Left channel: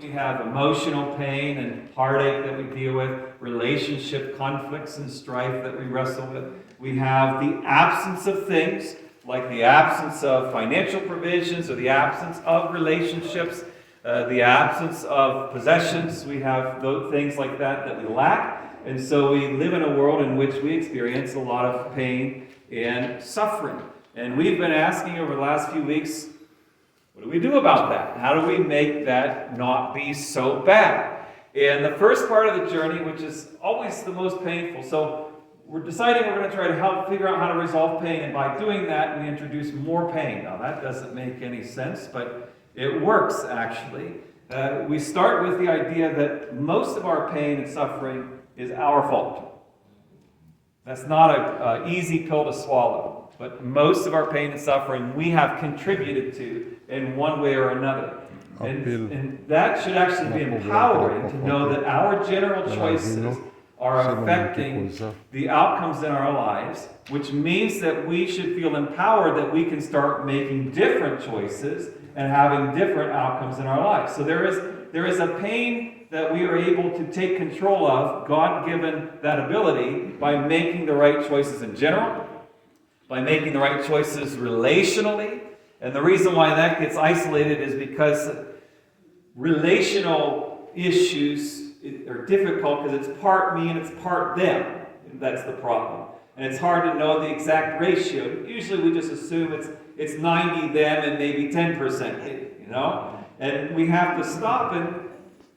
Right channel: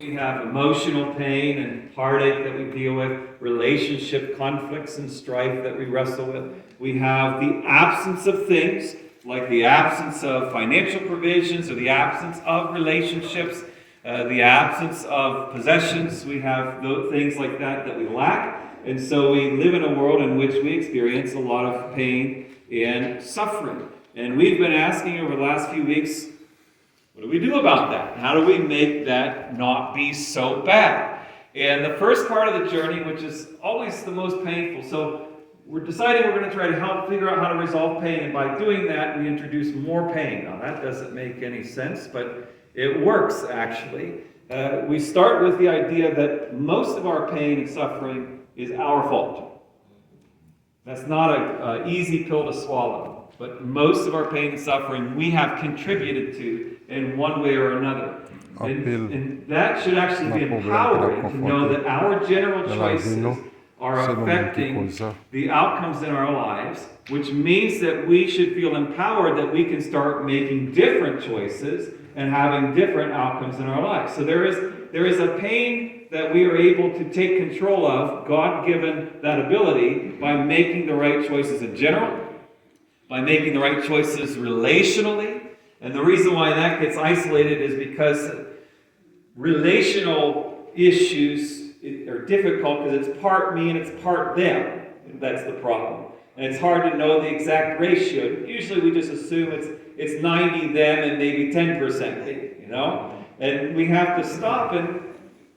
We have emotional pain and heartache that we deal with, relationship conflicts and strife that we wrestle with. We have the absence of things, like the absence of financial provisions or the absence of relationships, the absence of possessions. We have those things like that we lack. And so we live in a world in which we experience a lot of pain and suffering. And we've been asking over the last few weeks, what do we do about that? How do we make that not be so bad? And the first part of the journey, which is always the most painful, so we're deciding we're going to try to help figure out how to resolve pain, and by doing that, we introduce more pain. Now, that doesn't make any sense, but it works, actually. We start with the idea that most of our pain and suffering is our fault. That's not an easy pill to swallow. But most of our pain and suffering we have contributed to in one way or another. And that should actually be empowering to know that our general choices are affecting the outcomes in our lives, which means that we should feel empowered that we can start making different choices and having different outcomes in our lives. So there is a pain that we are able to take control of, God-given that ability, by making the right choices in general, by making the right choices relationally. And the reason why that gets isolated is because relational issues are difficult because it's part me and it's part them. That's the problem. And it's hard to know the exact ratio. Usually we just assume it's 90 them and maybe 10% me, And we have to stop, and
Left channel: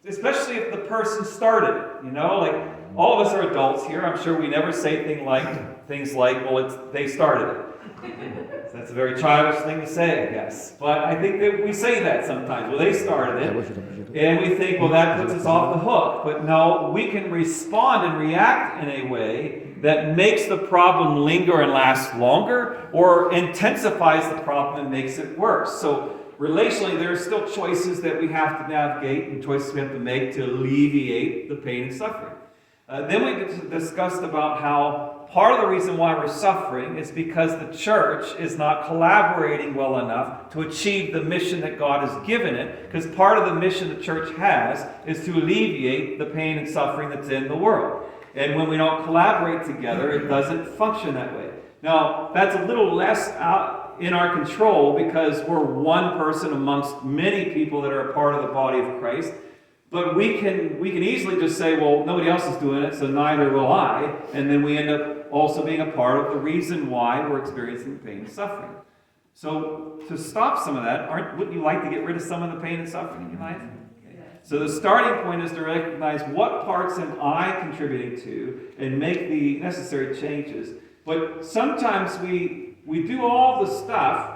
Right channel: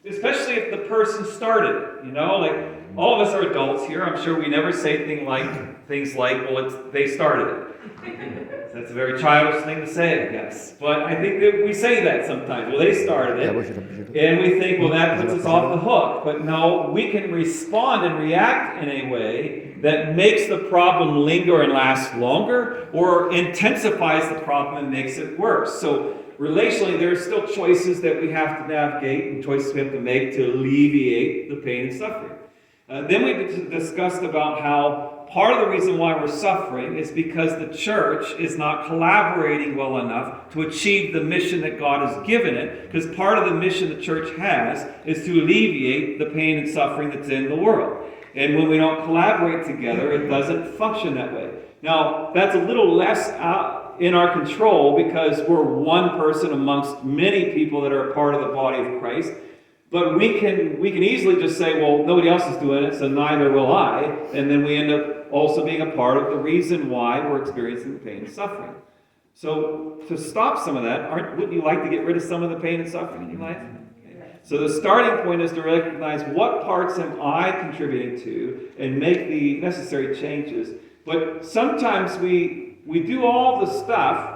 especially if the person started, like all of us are adults here. I'm sure we never say things like, well, they started it. That's a very childish thing to say, I guess. But I think that we say that sometimes. Well, they started it. And we think, well, that puts us off the hook. But no, we can respond and react in a way that makes the problem linger and last longer, or intensifies the problem and makes it worse. So relationally, there are still choices that we have to navigate and choices we have to make to alleviate the pain and suffering. Then we discussed about how part of the reason why we're suffering is because the church is not collaborating well enough to achieve the mission that God has given it, because part of the mission the church has is to alleviate the pain and suffering that's in the world. And when we don't collaborate together, it doesn't function that way. Now, that's a little less in our control because we're one person amongst many people that are a part of the body of Christ. But we can easily just say, well, nobody else is doing it, so neither will I. And then we end up also being a part of the reason why we're experiencing pain and suffering. So to stop some of that, wouldn't you like to get rid of some of the pain and suffering in your life? So the starting point is to recognize what parts am I contributing to and make the necessary changes. But sometimes we do all the stuff,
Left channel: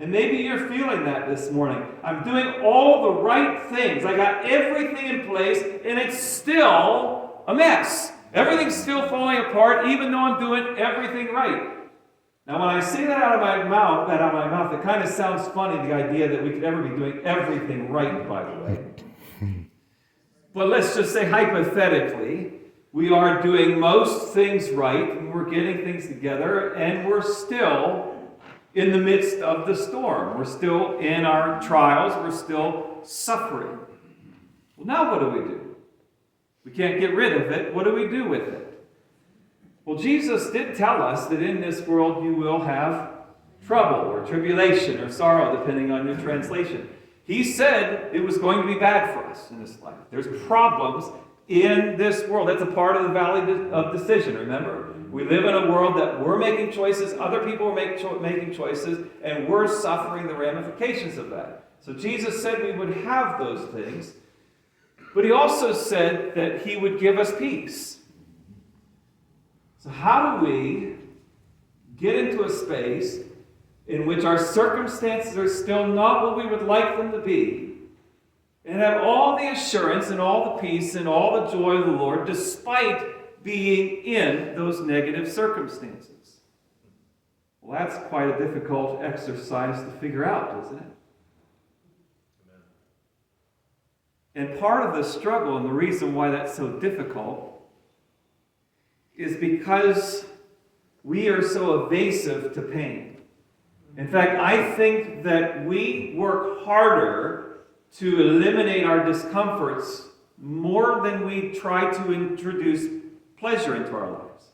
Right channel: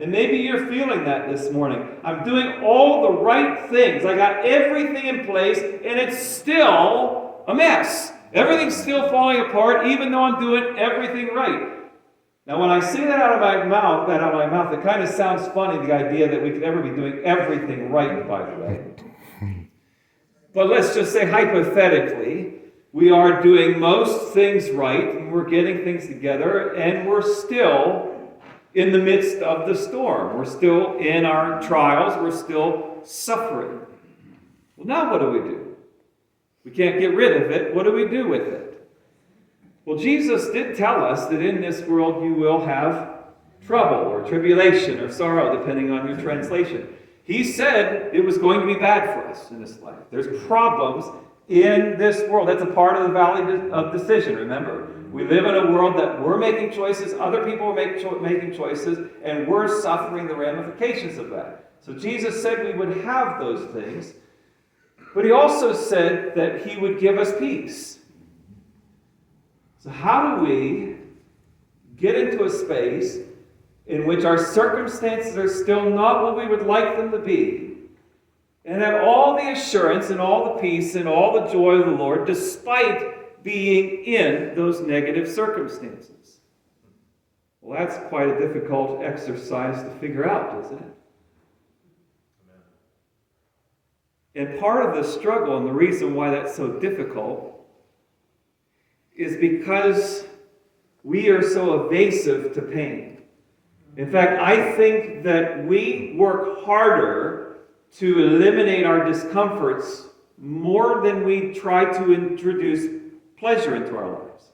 and maybe you're feeling that this morning. I'm doing all the right things. I got everything in place, and it's still a mess. Everything's still falling apart, even though I'm doing everything right. Now, when I say that out of my mouth, it kind of sounds funny, the idea that we could ever be doing everything right, by the way. But let's just say, hypothetically, we are doing most things right, and we're getting things together, and we're still in the midst of the storm. We're still in our trials. We're still suffering. Well, now what do? We can't get rid of it. What do we do with it? Well, Jesus did tell us that in this world you will have trouble or tribulation or sorrow, depending on your translation. He said it was going to be bad for us in this life. There's problems in this world. That's a part of the valley of decision, remember? We live in a world that we're making choices, other people are making choices, and we're suffering the ramifications of that. So Jesus said we would have those things, but he also said that he would give us peace. So how do we get into a space in which our circumstances are still not what we would like them to be, and have all the assurance and all the peace and all the joy of the Lord despite being in those negative circumstances? Well, that's quite a difficult exercise to figure out, isn't it? And part of the struggle, and the reason why that's so difficult, is because we are so evasive to pain. In fact, I think that we work harder to eliminate our discomforts more than we try to introduce pleasure into our lives.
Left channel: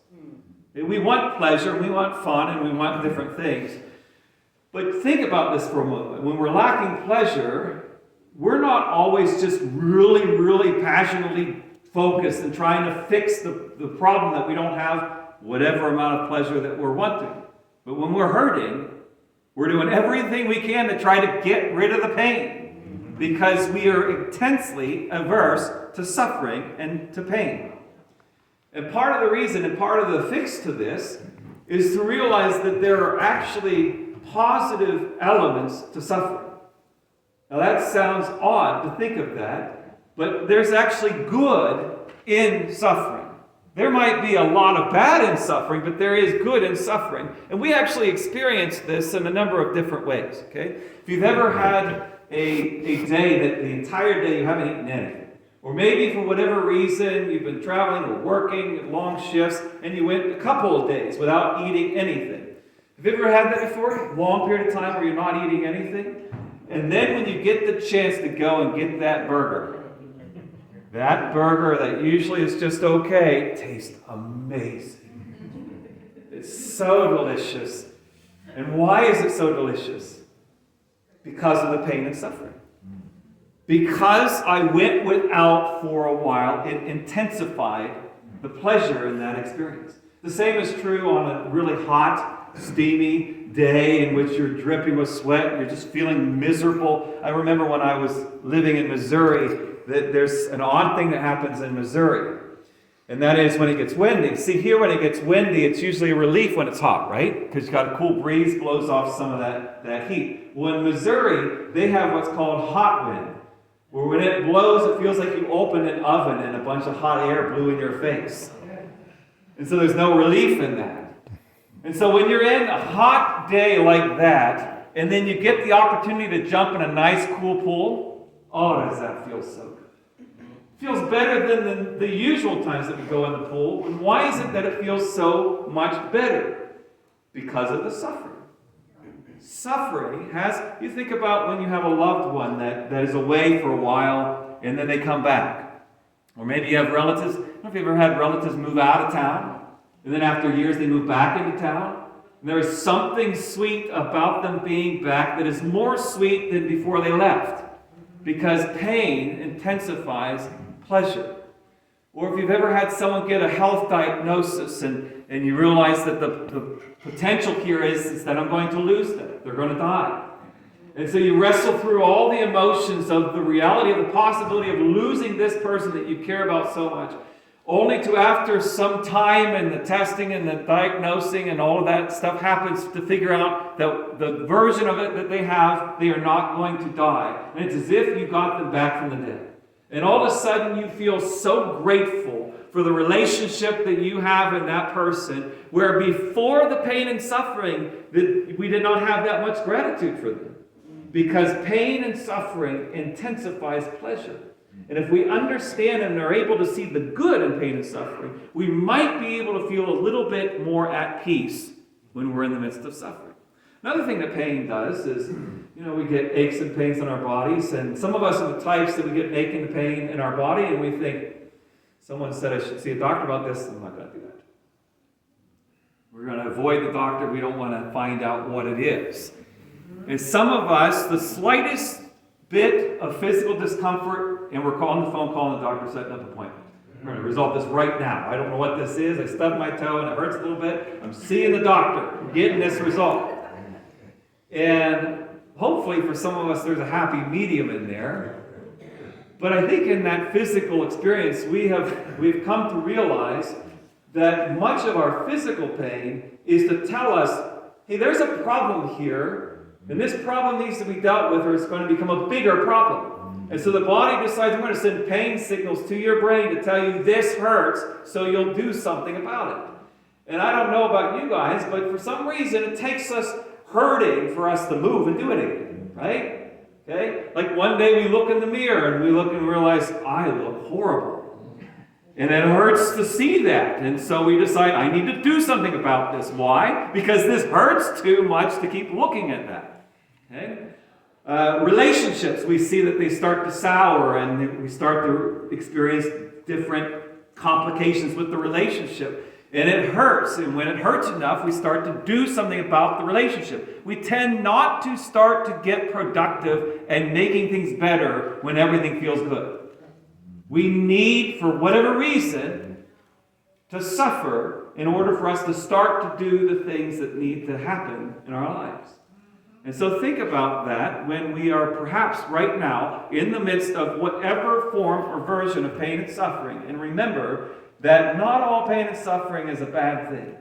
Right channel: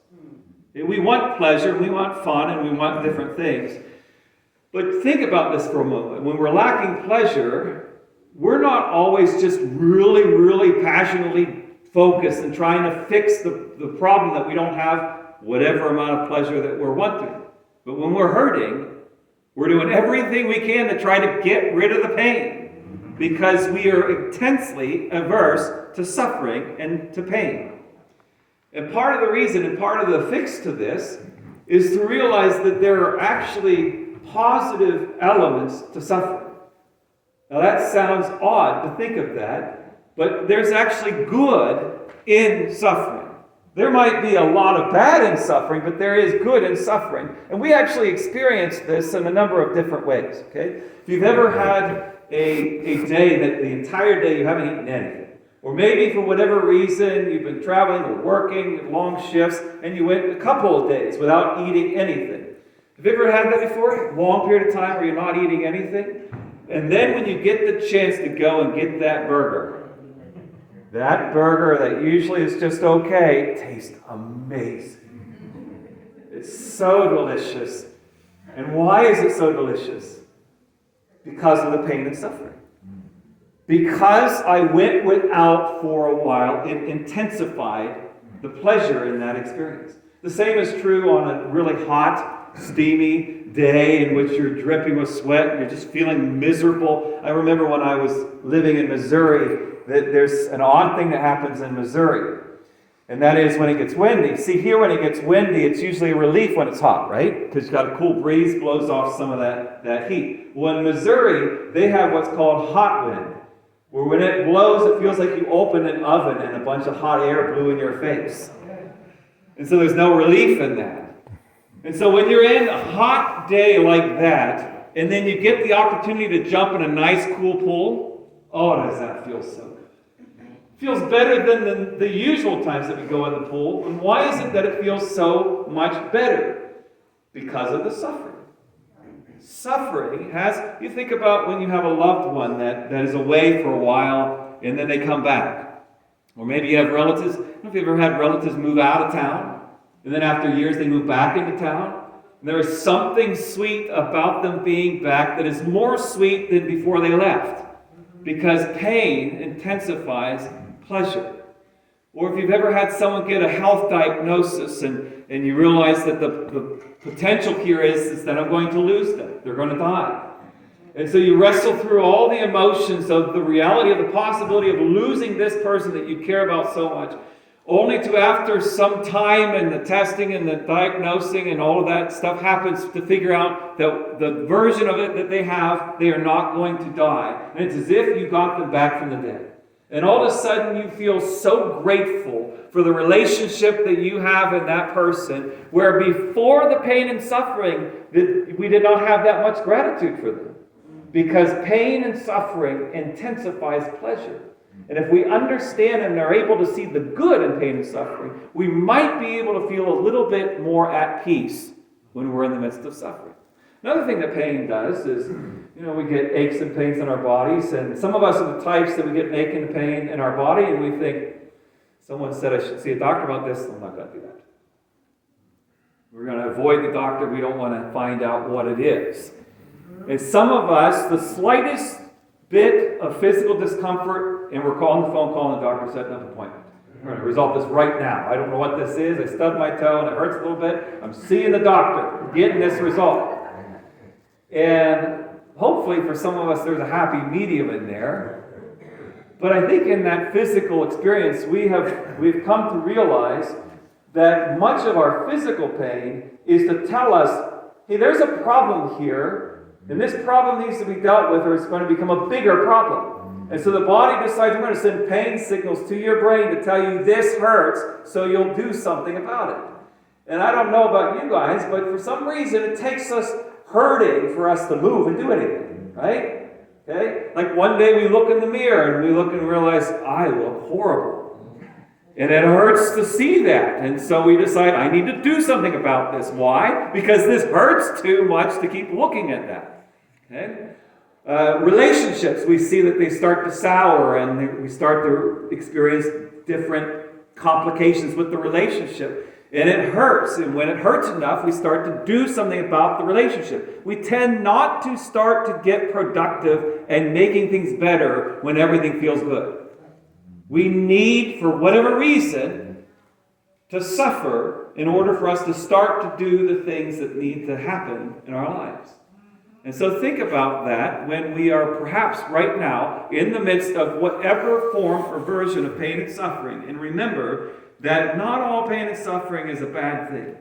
We want pleasure, we want fun, and we want different things. But think about this for a moment. When we're lacking pleasure, we're not always just really, really passionately focused and trying to fix the problem that we don't have whatever amount of pleasure that we're wanting. But when we're hurting, we're doing everything we can to try to get rid of the pain because we are intensely averse to suffering and to pain. And part of the reason and part of the fix to this is to realize that there are actually positive elements to suffering. Now that sounds odd to think of that, but there's actually good in suffering. There might be a lot of bad in suffering, but there is good in suffering. And we actually experience this in a number of different ways, okay? If you've ever had a day that the entire day you haven't eaten anything, or maybe for whatever reason you've been traveling or working long shifts and you went a couple of days without eating anything. Have you ever had that before? A long period of time where you're not eating anything? And then when you get the chance to go and get that burger that usually is just okay, tastes amazing. It's so delicious. And why is it so delicious? Because of the pain and suffering. Because I went without for a while, it intensified the pleasure in that experience. The same is true on a really hot, steamy day in which you're dripping with sweat and you're just feeling miserable. I remember when I was living in Missouri that there's an odd thing that happens in Missouri. And that is when it gets windy. See, here when it gets windy, it's usually a relief when it's hot, right? Because you've got a cool breeze, blows off some of that heat. Well, in Missouri, they have what's called hot wind, where when it blows, it feels like you opened an oven and a bunch of hot air blew in your face. And so there's no relief in that. And so when you're in a hot day like that, and then you get the opportunity to jump in a nice, cool pool, oh, does that feel so good. It feels better than the usual times that we go in the pool. And why is it that it feels so much better? Because of the suffering. Suffering you think about when you have a loved one that is away for a while, and then they come back. Or maybe you have relatives. I don't know if you've ever had relatives move out of town, and then after years they move back into town. And there is something sweet about them being back that is more sweet than before they left. Because pain intensifies pleasure. Or if you've ever had someone get a health diagnosis and you realize that the potential here is that I'm going to lose them. They're going to die. And so you wrestle through all the emotions of the reality of the possibility of losing this person that you care about so much, only to after some time and the testing and the diagnosing and all of that stuff happens to figure out that the version of it that they have, they are not going to die. And it's as if you got them back from the dead. And all of a sudden you feel so grateful for the relationship that you have in that person, where before the pain and suffering, that we did not have that much gratitude for them. Because pain and suffering intensifies pleasure. And if we understand and are able to see the good in pain and suffering, we might be able to feel a little bit more at peace when we're in the midst of suffering. Another thing that pain does is, we get aches and pains in our bodies, and some of us are the types that we get ache and pain in our body, and we think, someone said I should see a doctor about this, I'm not going to do that. We're going to avoid the doctor, we don't want to find out what it is. And some of us, the slightest bit of physical discomfort, and we're calling the doctor, setting up an appointment. We're going to resolve this right now. I don't know what this is. I stubbed my toe and it hurts a little bit. I'm seeing the doctor, getting this resolved. And hopefully for some of us there's a happy medium in there. But I think in that physical experience we've come to realize that much of our physical pain is to tell us, hey, there's a problem here, and this problem needs to be dealt with or it's going to become a bigger problem. And so the body decides, I'm going to send pain signals to your brain to tell you this hurts, so you'll do something about it. And I don't know about you guys, but for some reason it takes us hurting for us to move and do anything, right? Okay? Like one day we look in the mirror and we look and realize, I look horrible. And it hurts to see that. And so we decide, I need to do something about this. Why? Because this hurts too much to keep looking at that. Okay? Relationships, we see that they start to sour and we start to experience different complications with the relationship. And it hurts. And when it hurts enough, we start to do something about the relationship. We tend not to start to get productive and making things better when everything feels good. We need, for whatever reason, to suffer in order for us to start to do the things that need to happen in our lives. And so think about that when we are perhaps right now in the midst of whatever form or version of pain and suffering. And remember that not all pain and suffering is a bad thing.